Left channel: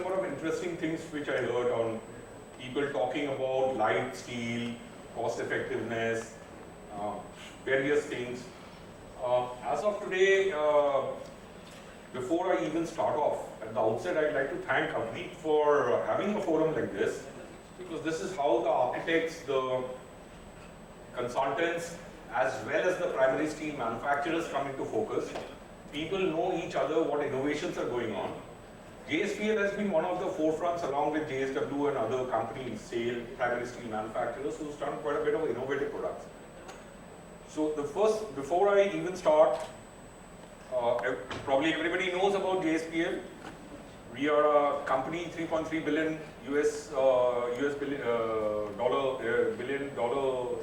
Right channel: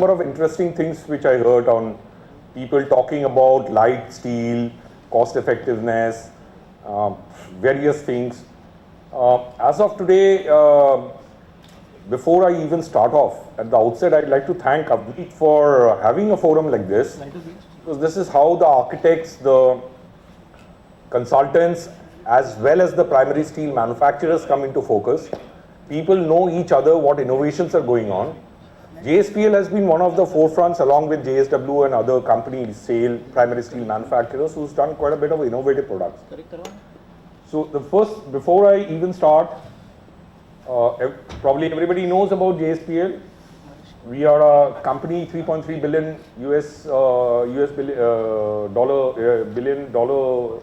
Number of interesting things which I heard on people talking about light steel, cost effectiveness, various things. As of today, before I even start off, at the outset, I'd like to thank Avneet for having a forum like this, because this is how the architects, the consultants, as well as the primary steel manufacturers come into focus. People know each other, what innovations are going on. JSPL has been one of the forefronts along with JSW and other companies, primary steel manufacturers, who's done quite a bit of innovative products. So the first, before I even start, probably everybody knows about JSPL. We are a company, $3.3 billion billion dollar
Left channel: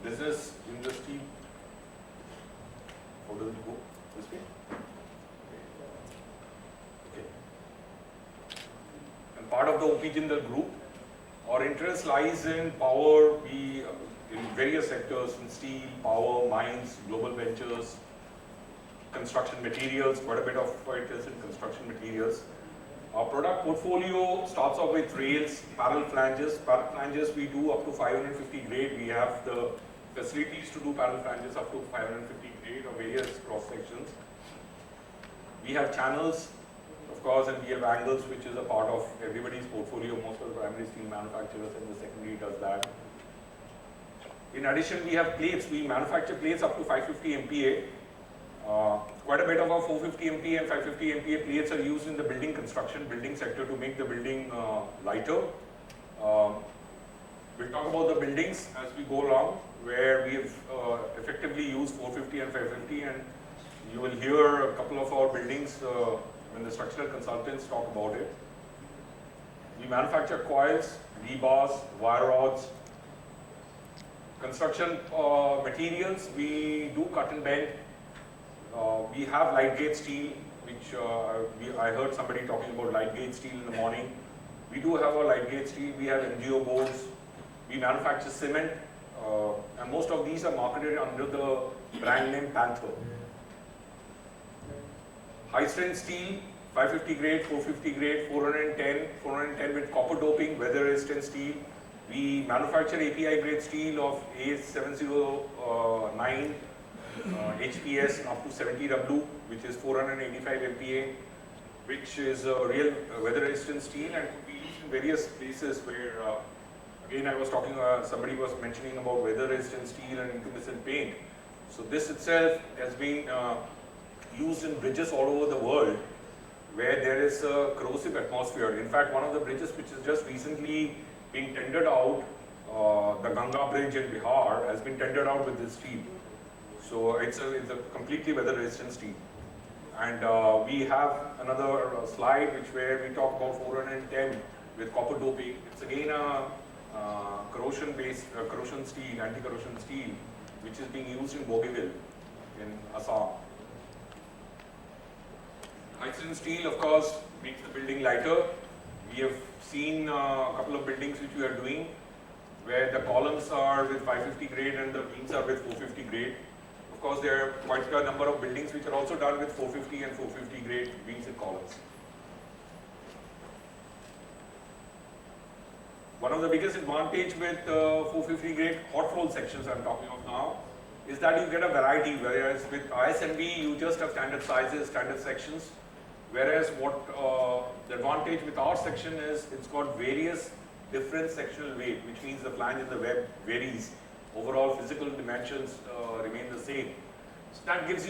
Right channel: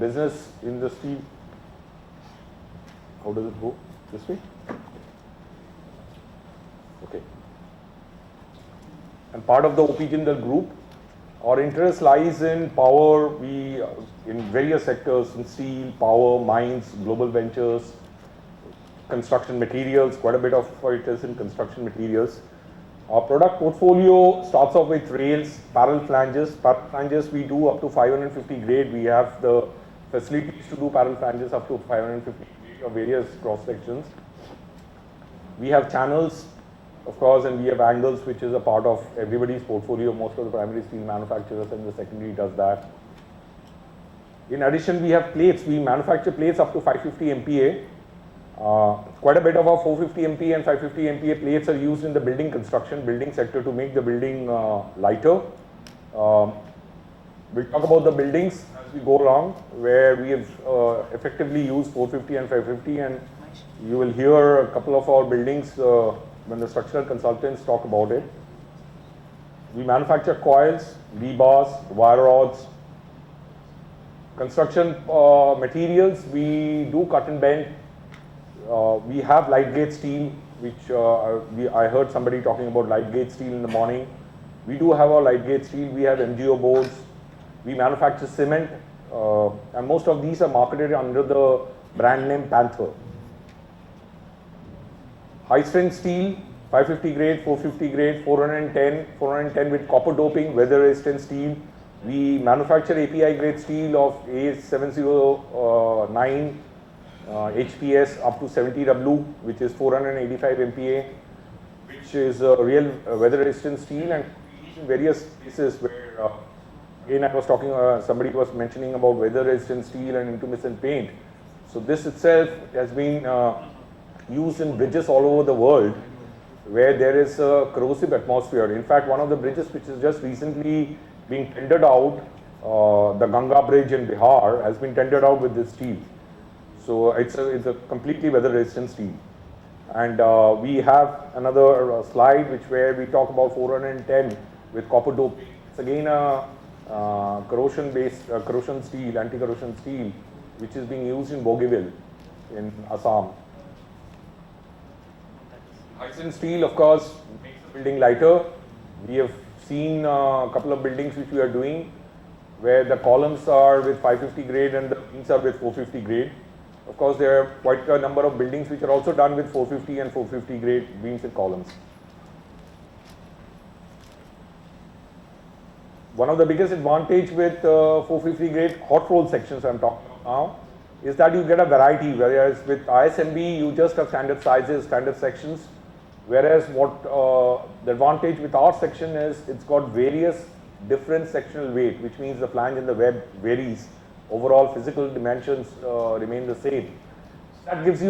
business in the steel. How does it go? This way? Okay. And part of the OP Jindal group. Our interest lies in power, in various sectors, in steel, power, mines, global ventures, construction materials, quite a bit of it is in construction materials. Our product portfolio starts off with rails, parallel flanges. Parallel flanges we do up to 550 grade. We have the facilities to do parallel flanges up to 550 grade of various cross sections. We have channels, of course, and we have angles, which is a part of everybody's portfolio. Most of the primary steel manufacturers and the secondary does that. In addition, we have plates. We manufacture plates up to 550 MPa. Quite a bit of our 450 MPa and 550 MPa plates are used in the building construction, building sector to make the building lighter. We'll talk about the buildings as we go along, where we have effectively used 450 and 550, and you will hear a couple of our buildings when the structural consultants talk about it. We manufacture coils, rebars, wire rods. Construction materials, we do cut and bend. We have light gauge steel, which I heard somebody talking about light gauge steel in the morning. We do have our light gauge steel. We have MGO boards. We manufacture cement, and most of these are marketed under the brand name Panther. High strength steel, 550 grade, 450 grade, 410 with copper doping, weather resistant steel. We manufacture API grade steel of A709 HPS up to 70W, which is 485 MPa, which is a real weather resistant steel, and we use in various places where, again, I was talking, somebody was mentioning about weather resistant steel and intumescent paint. So this itself has been used in bridges all over the world where there is a corrosive atmosphere. In fact, one of the bridges which is just recently being tendered out, the Ganga Bridge in Bihar, has been tendered out with this steel. So it's a completely weather resistant steel. And we have another slide where we talk about 410 with copper doping. It's again a corrosion steel, anti-corrosion steel, which is being used in Bogeyville in Assam. High-strength steel, of course, makes the building lighter. We have seen a couple of buildings which we are doing where the columns are with 550 grade and the beams are with 450 grade. Of course, there are quite a number of buildings which are also done with 450 and 450 grade beams and columns. One of the biggest advantage with 450 grade hot roll sections I'm talking of now is that you get a variety, whereas with ISMB you just have standard sizes, standard sections, whereas what the advantage with our section is it's got various different sectional weight, which means the flange and the web varies. Overall physical dimensions remain the same. So that gives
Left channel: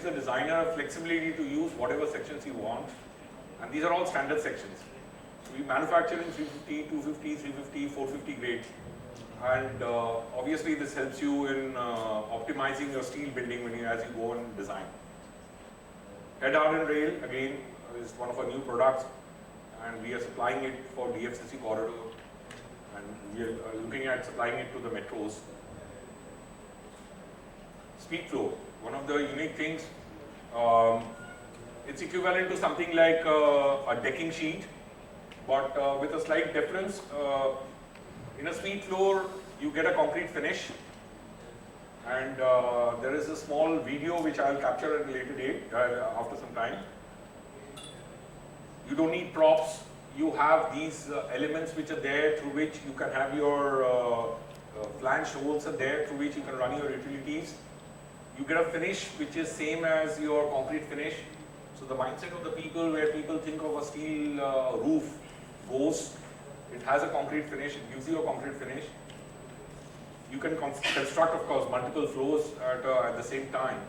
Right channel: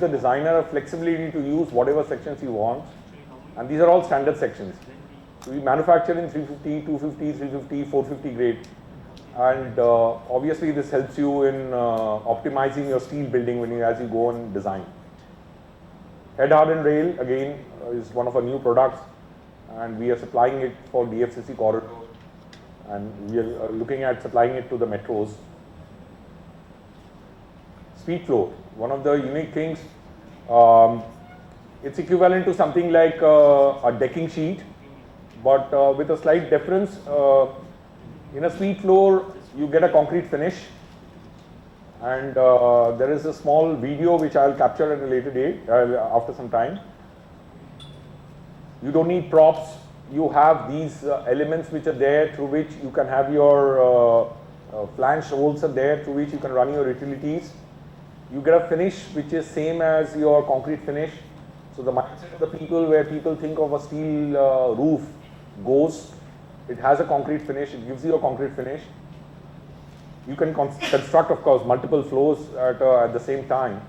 the designer a flexibility to use whatever sections you want, and these are all standard sections. So we manufacture in 350, 250, 350, 450 grade, and obviously this helps you in optimizing your steel building as you go and design. Head hardened rail again is one of our new products, and we are supplying it for DFCC corridor, and we are looking at supplying it to the metros. Speed flow, one of the unique things, it's equivalent to something like a decking sheet, but with a slight difference. In a speed floor, you get a concrete finish, and there is a small video which I will capture at a later date, after some time. You don't need props, you have these elements which are there through which you can have your flange holes are there through which you can run your utilities. You get a finish which is same as your concrete finish. So the mindset of the people where people think of a steel roof goes, it has a concrete finish, it gives you a concrete finish. You can construct, of course, multiple floors at the same time.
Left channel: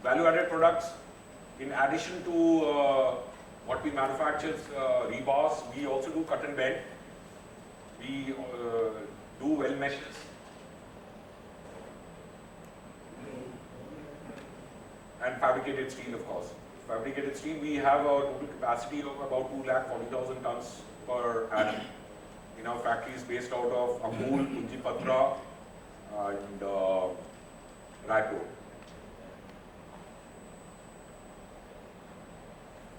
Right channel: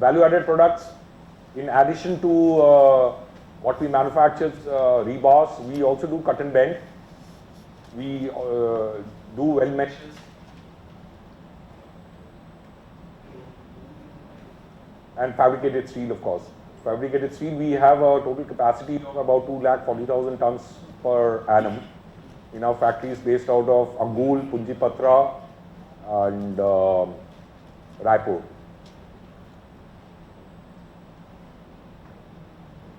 Value-added products, in addition to what we manufacture, rebars, we also do cut and bend. We do weld meshes. And fabricated steel, of course. Fabricated steel, we have a total capacity of about 240,000 tons per annum in our factories based out of Angul, Punjipatra, and Raipur.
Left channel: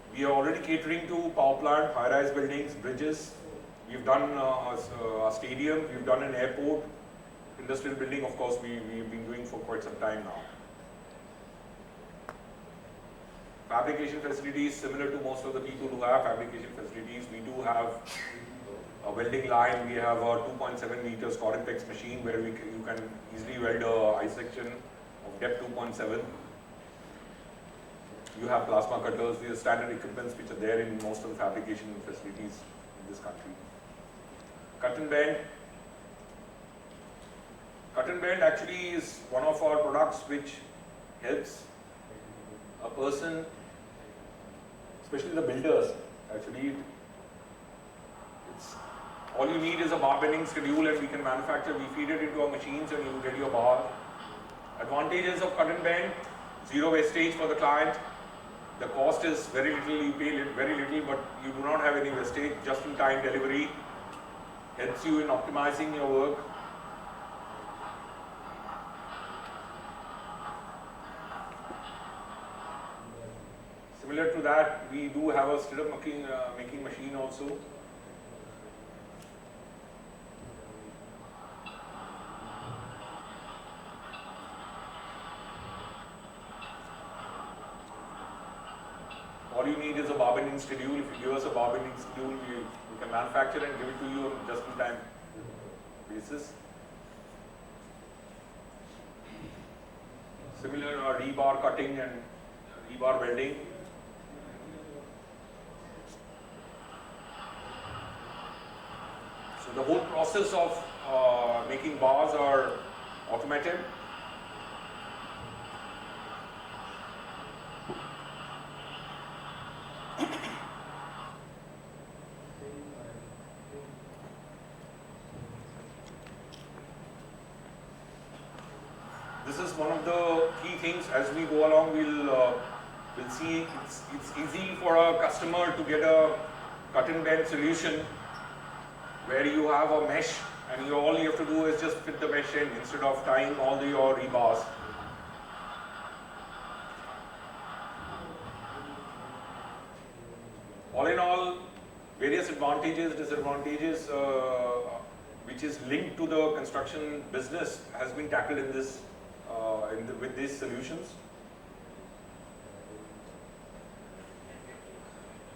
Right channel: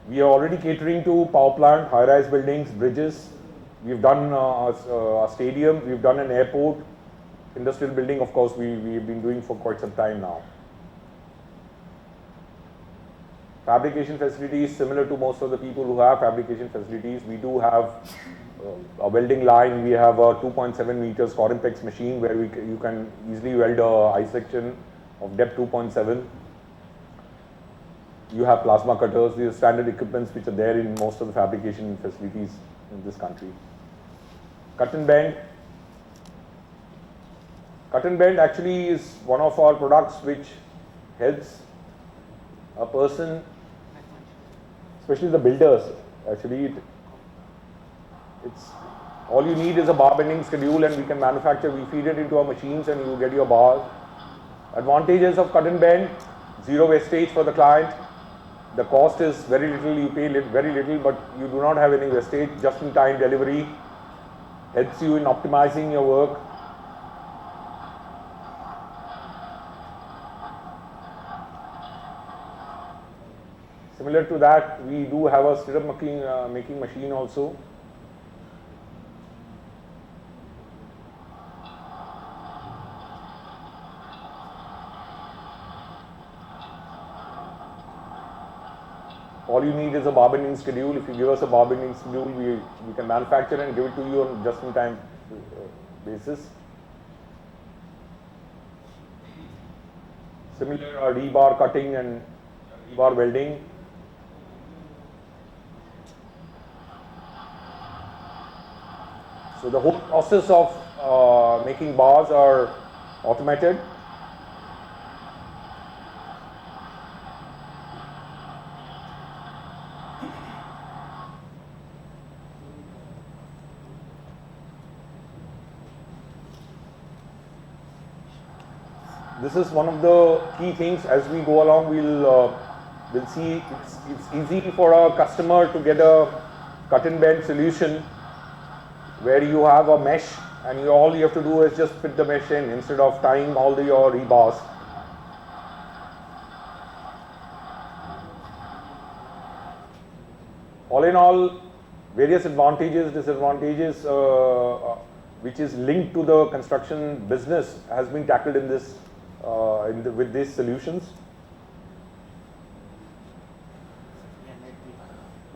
We are already catering to power plant, high-rise buildings, bridges. We've done a stadium, we've done an airport, industrial building, of course, we've been doing for quite some time now. Fabrication facilities, similar to most of the people who have fabrication facilities, we do have a welding line. We have a 2.7 meters Corinpex machine where you can easily weld a I section of depth 2.7. You have plasma cutters, these are standard equipments which are there in most of the fabrication facilities in this country. Cut and bend. Cut and bend actually is one of our products which helps a person, especially the builders, actually it's all you need is a bar bending schedule and we can manufacture, we feed it into our machines and you get your bar. Advantages of cut and bend, zero wastage for the client. The cost is very little, you pay very little, but you do not have any wastage. Just-in-time delivery helps you in optimizing your work. Similar to that, we do have a stirrup making machine also. All you need is a bar bending schedule. If you give us a bar bending schedule, we can manufacture and give it to you on just-in-time basis. Similar rebar cutting and rebar welding. So the whole process of making bars are automated. This is one of the key things. As we go along, we'll see it's easy for a customer to get a cut and bend solution where you have a mesh and all you have to do is just fit the mesh in instead of tying all your rebars. All in all, various advantages, disadvantages which is linked to the construction business has been tackled in this with these solutions.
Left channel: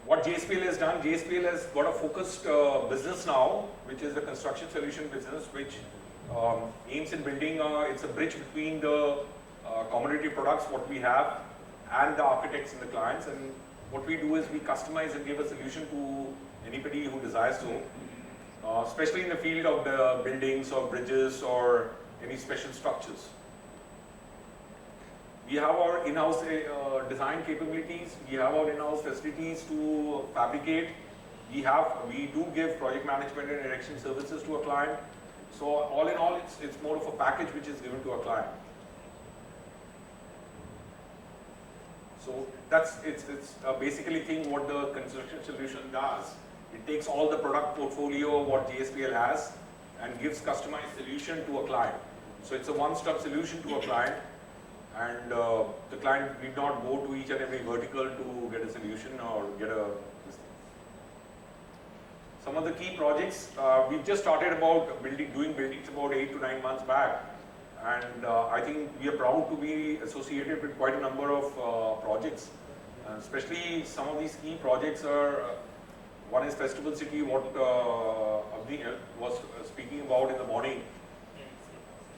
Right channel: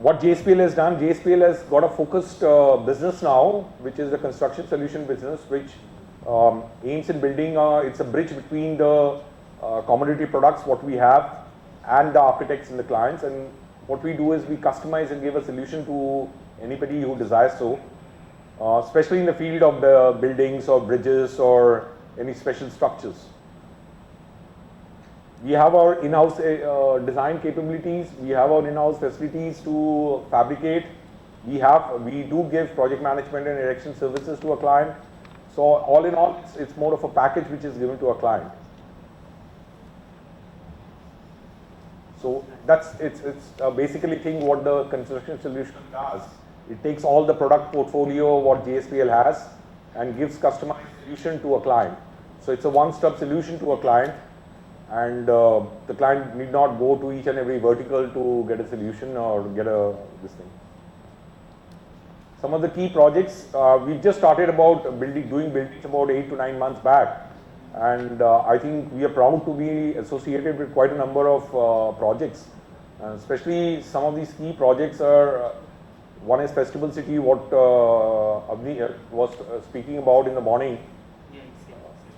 What JSPL has done, JSPL has got a focused business now, which is a construction solution business, which aims in building, it's a bridge between the commodity products, what we have, and the architects and the clients. And what we do is we customize and give a solution to anybody who desires so, especially in the field of buildings or bridges or any special structures. We have our in-house design capabilities, we have our in-house facilities to fabricate, we do give project management and erection services to a client. So all in all, it's more of a package which is given to a client. So it's basically thing what the construction solution does. It takes all the product portfolio what JSPL has and gives customized solution to a client. So it's a one-stop solution to a client. And the client need not go to each and every vertical to get a solution or get this thing. Some of the key projects, we just started about doing buildings about 8 to 9 months back, and I think we are proud to be associated with quite a number of projects. Especially some of these key projects are, one is Festival City, what Avni was speaking about in the morning.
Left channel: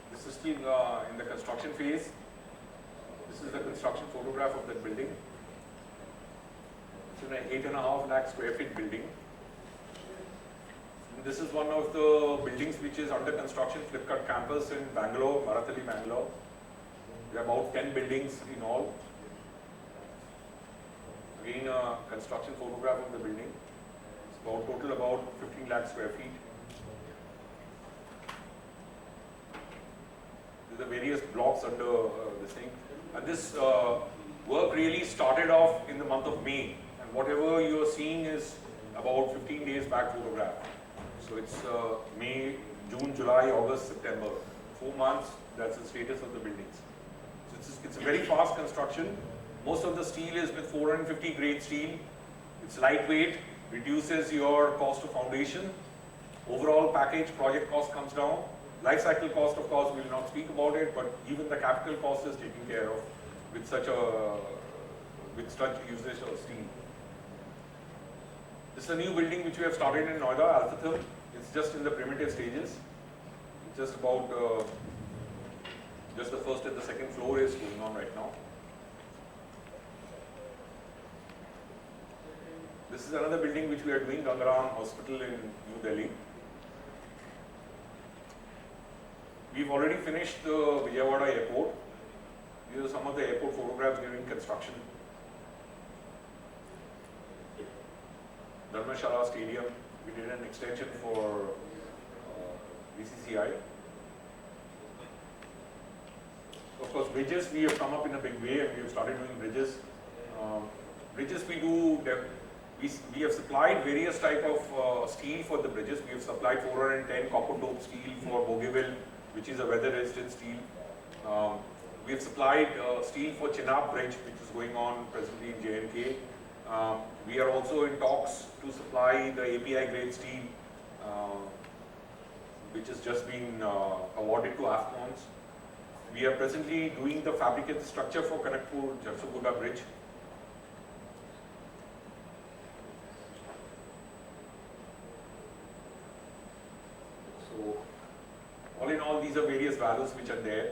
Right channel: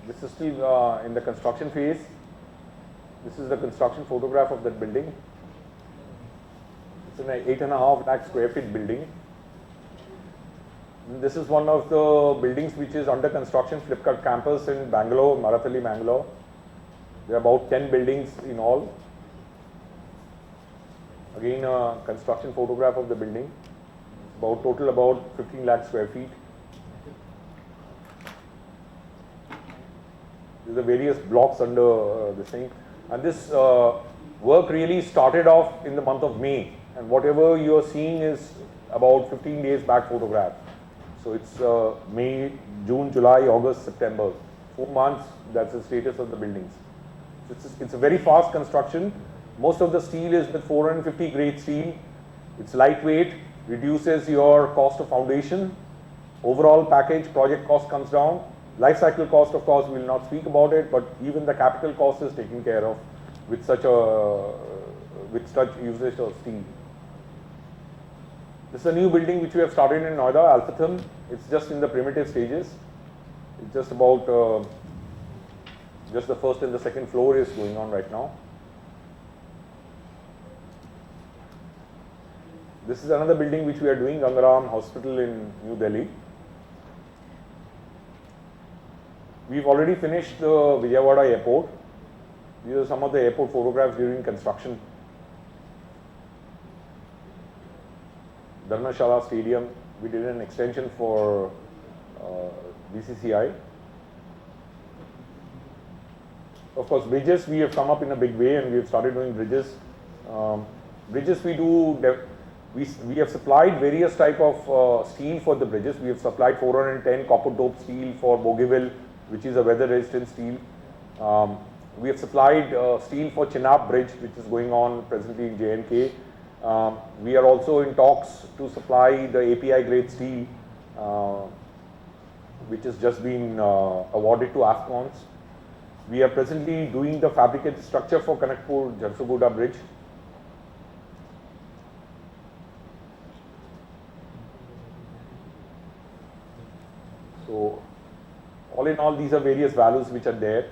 This is still in the construction phase. This is the construction photograph of that building. It's an 8.5 lakh square feet building. And this is one of the buildings which is under construction, Flipkart campus in Bangalore, Marathalli, Bangalore. There are about 10 buildings in all. Again, a construction photograph of the building. It's about total about 15 lakh square feet. These are various blocks under this thing. And this work really started off in the month of May. And whatever you are seeing is about 15 days back photograph. So it's May, June, July, August, September. 4 months, that's the status of the buildings. It's a very fast construction. Most of the steel is with 450 grade steel. It's lightweight, reduces your cost of foundation. Overall package project cost comes down. Life cycle cost, of course, we will not speak about it, but even the capital cost is taken care of with such usage of steel. This is a new building which we have started in Noida, Alphatham. It's just in the primitive stages. It's just about just the first and the second floor is going on right now. This is another building which we are doing, Gangaram Hospital in New Delhi. We've already finished the Vijayawada airport. These are some of the airport photographs during construction. Dharmshala Stadium, we did an extension for BCCI. Of course, bridges, we have come up in a big way and we have started doing bridges. Bridges we have supplied various type of steel for the bridges. We have supplied 410 copper dope steel for Bogeyville, which is a weather resistant steel. We have supplied steel for Chenab Bridge, which is going on presently in J&K. We are also in talks to supply the API grade steel, which has just been awarded to AFCONs. We are presently doing the fabricated structure for Kanakpur-Jharsuguda Bridge. So, all in all, these are various values which are there.